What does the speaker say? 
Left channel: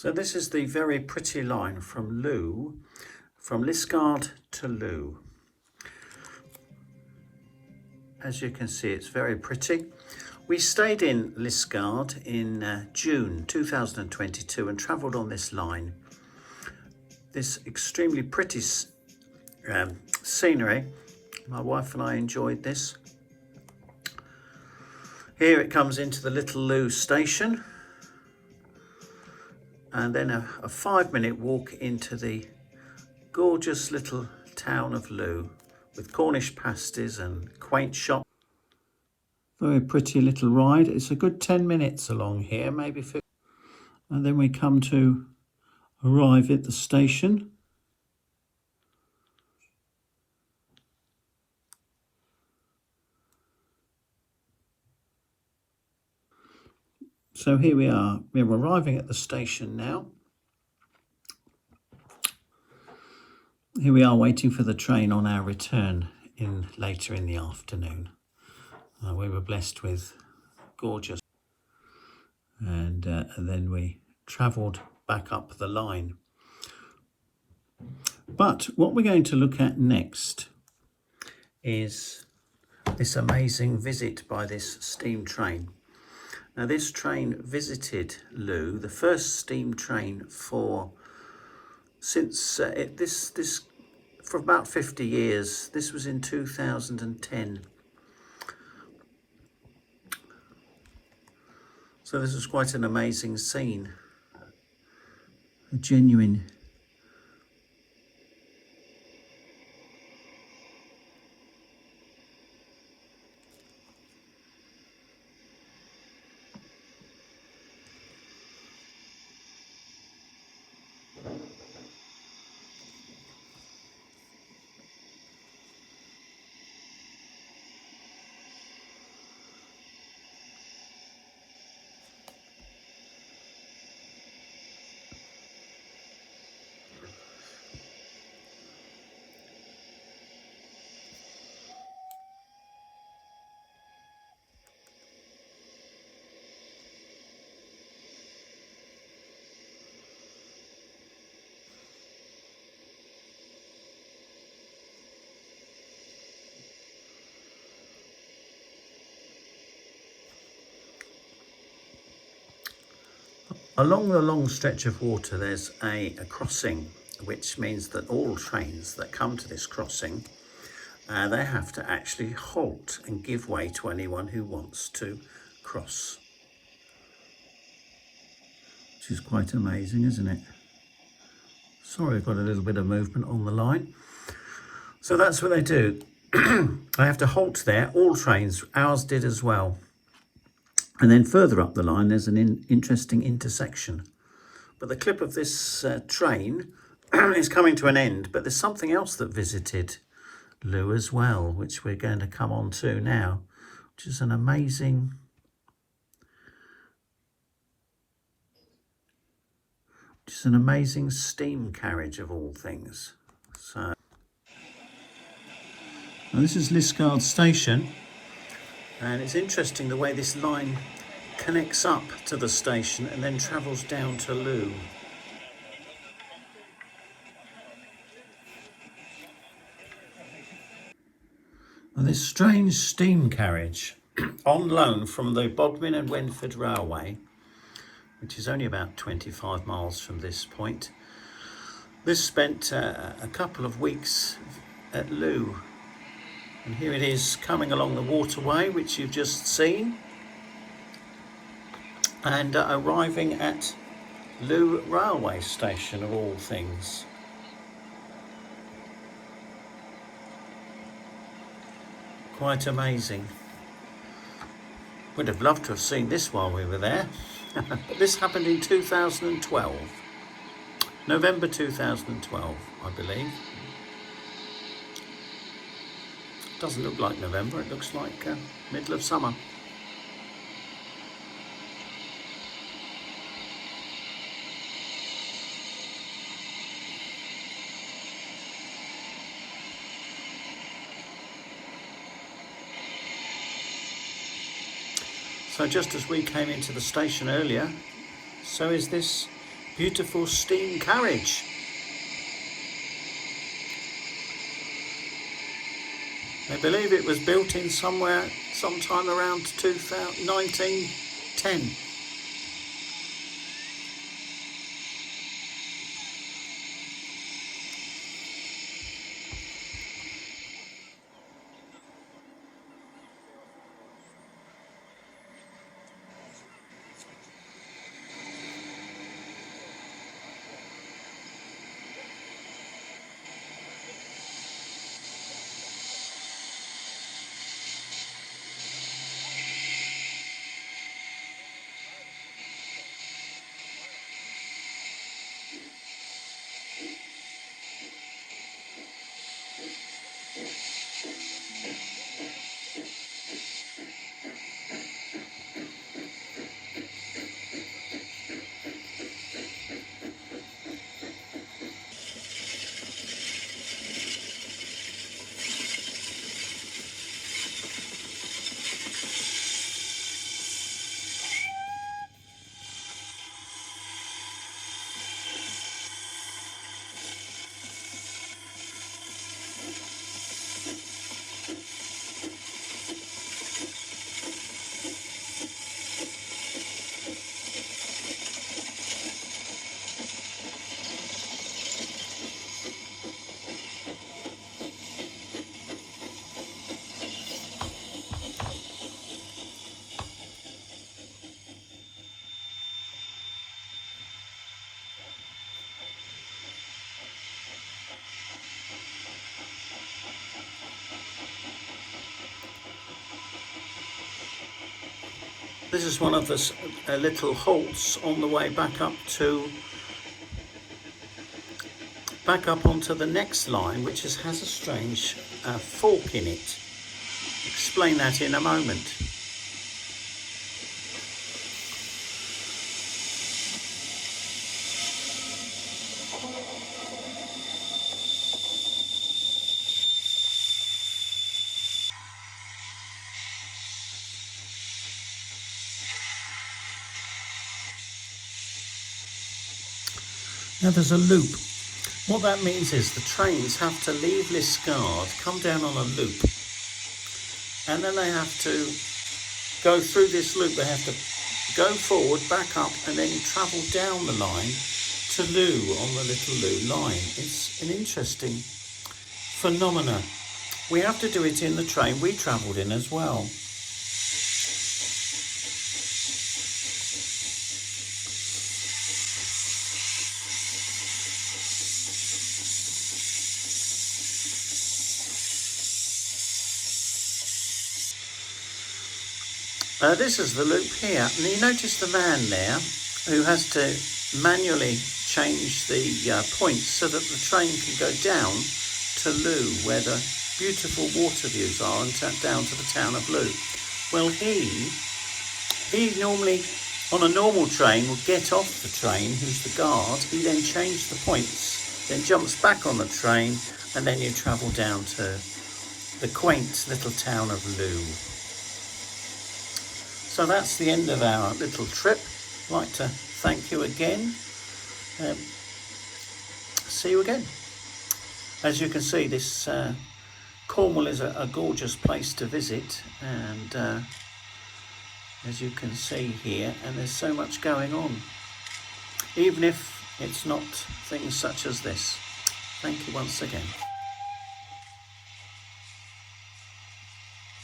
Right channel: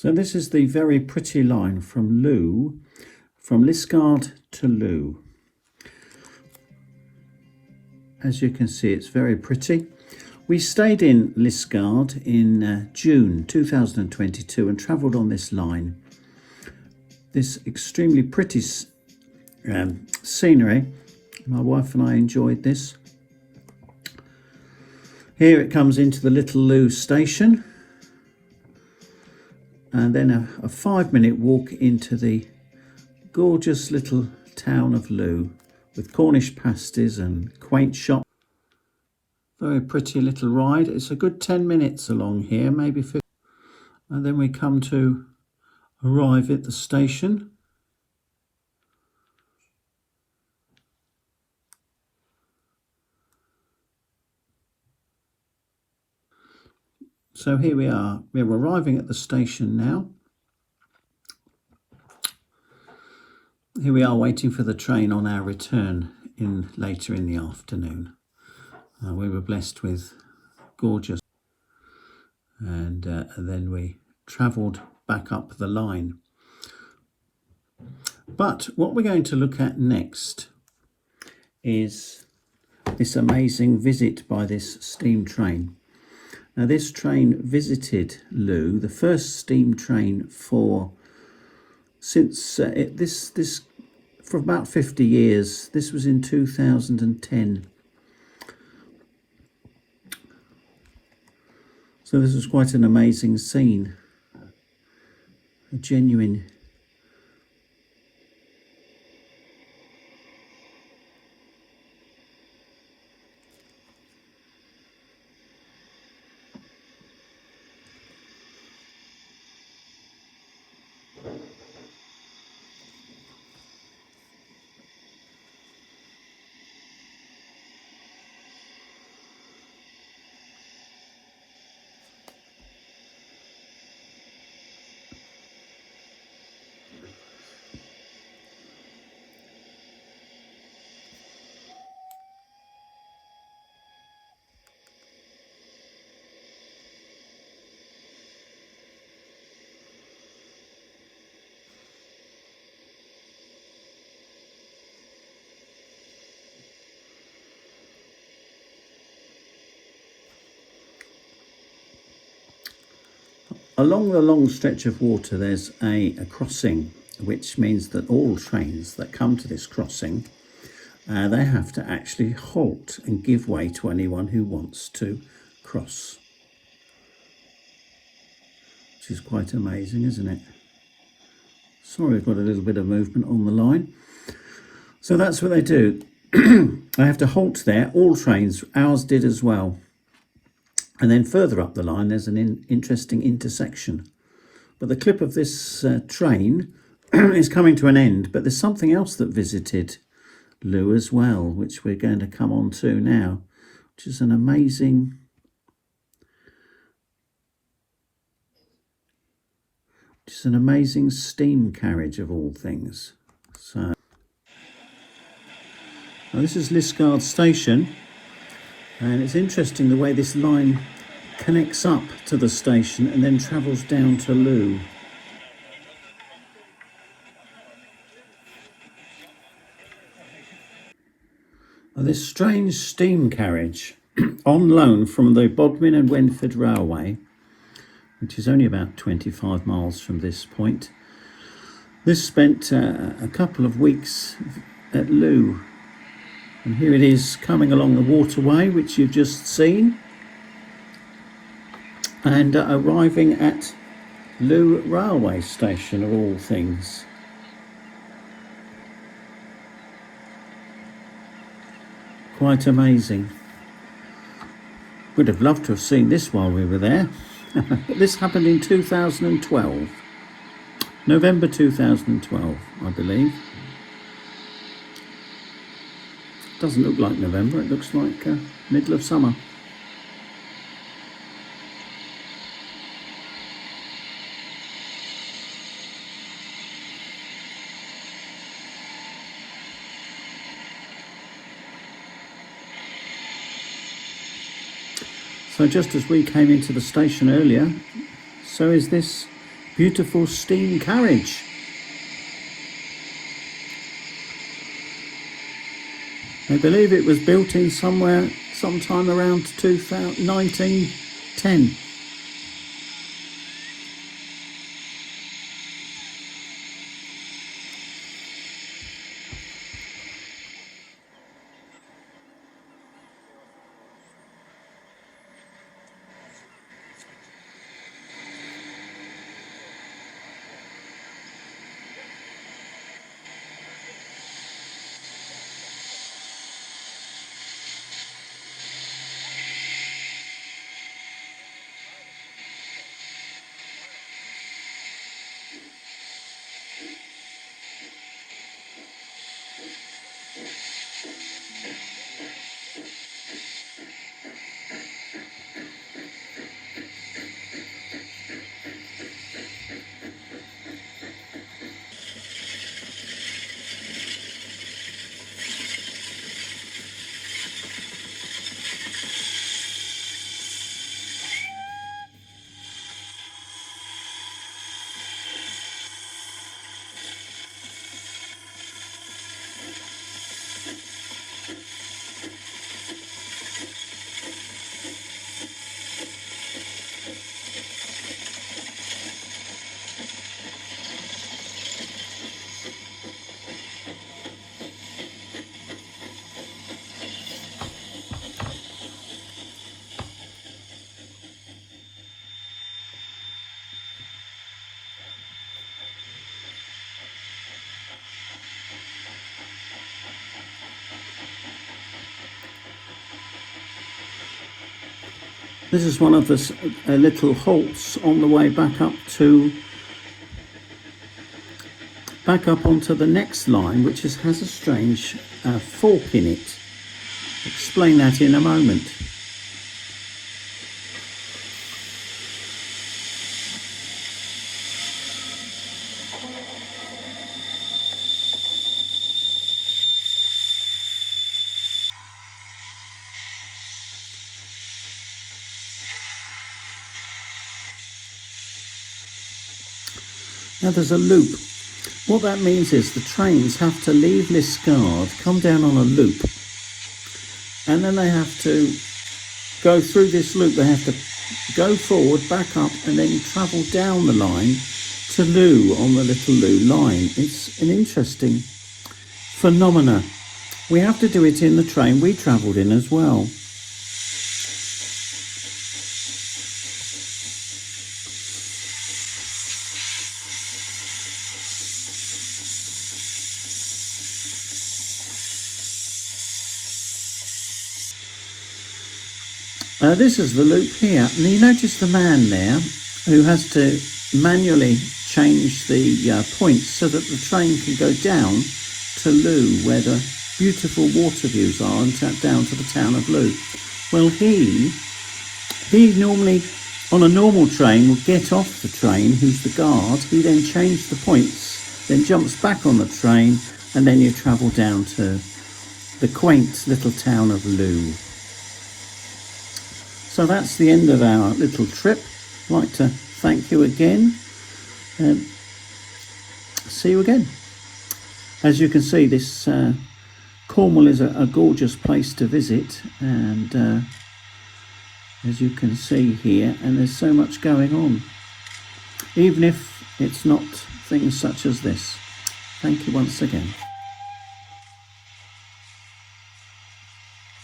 So this is the very pretty line from Looe, from Liskeard to Looe. As you can see, it's very pretty. We stayed in Liskeard in June 2022 and travelled on this line. This extremely pretty scenery. My wife and I enjoyed this. Here it comes into the little Looe station, and then a 5-minute walk into the gorgeous little town of Looe with Cornish pasties and quaint shops. Very pretty little ride. It's a good 10 minutes along here, maybe 15. And then we come to arrive at the station. So here we are. We're arriving at the station now. Here we are waiting for the train on our return later in the afternoon. We were blessed with gorgeous, and then we travelled back up the line. But what we're going to look at next is this amazing visit by this steam train. Now this train visited Looe, the first steam train for about 50 years. This was in 2010. So this was quite an amazing scene, a genuine along the long stretch of water. There's a crossing, which means that all trains that come to this crossing, they have to actually halt and give way to anyone who wants to cross. Which is quite amazing, isn't it? Sorry, we've got a little bit of movement on the line. So that's what they do. They have to halt there, all trains, ours did as well. And then further up the line, there's an interesting intersection. But the clip of this train is coming to an end. But there's something else that visited Looe as well, which we're going to come on to now, which is an amazing steam carriage of all things. So now this is Liskeard station. And it's interesting the way this line connects up to the station and then travels down to Looe. Well, this strange steam carriage on loan from the Bodmin and Wenford Railway, which is only about 25 miles from this point. This spent a couple of weeks at Looe. And here it is coming along the waterway, which you've just seen, and arriving at Looe railway station of all things. Quite amazing. Would have loved to have seen this while we were there, but this happened in 2012, November 2012, I believe. Doesn't look like November, it looks like middle of summer. So just as we came into the station earlier, so is this Beautiful steam carriage. I believe it was built in sometime around 1910. This is one of the little halts on the way back up onto the next line, which has a strange fork in it. Explain that in a moment. Now there's a loop. What that means is the trains have to leave Liskeard, come down on a loop, and then they have to go through this loop. They have to go forward, back up, and then travel down the line to Looe on the little Looe line. It's an interesting phenomena. We have to do it in the train we travelled in as well. This is the loop here, and you notice the man there who has to manually change the points so that the train can go down to Looe, where the beautiful water views are, and down to the town of Looe. Well, he normally, on a normal train, will get off the train, who's the guard. He then changes the points, then jumps back on the train, and then you travel down to the quaint little town of Looe. So that's the end of our little trip. I'd like to thank you again. See you again. As you can see, this Cornwall is a gorgeous place to visit, and as you can see here, and there's so much going on, even if it's not things such as this. Thank you once again.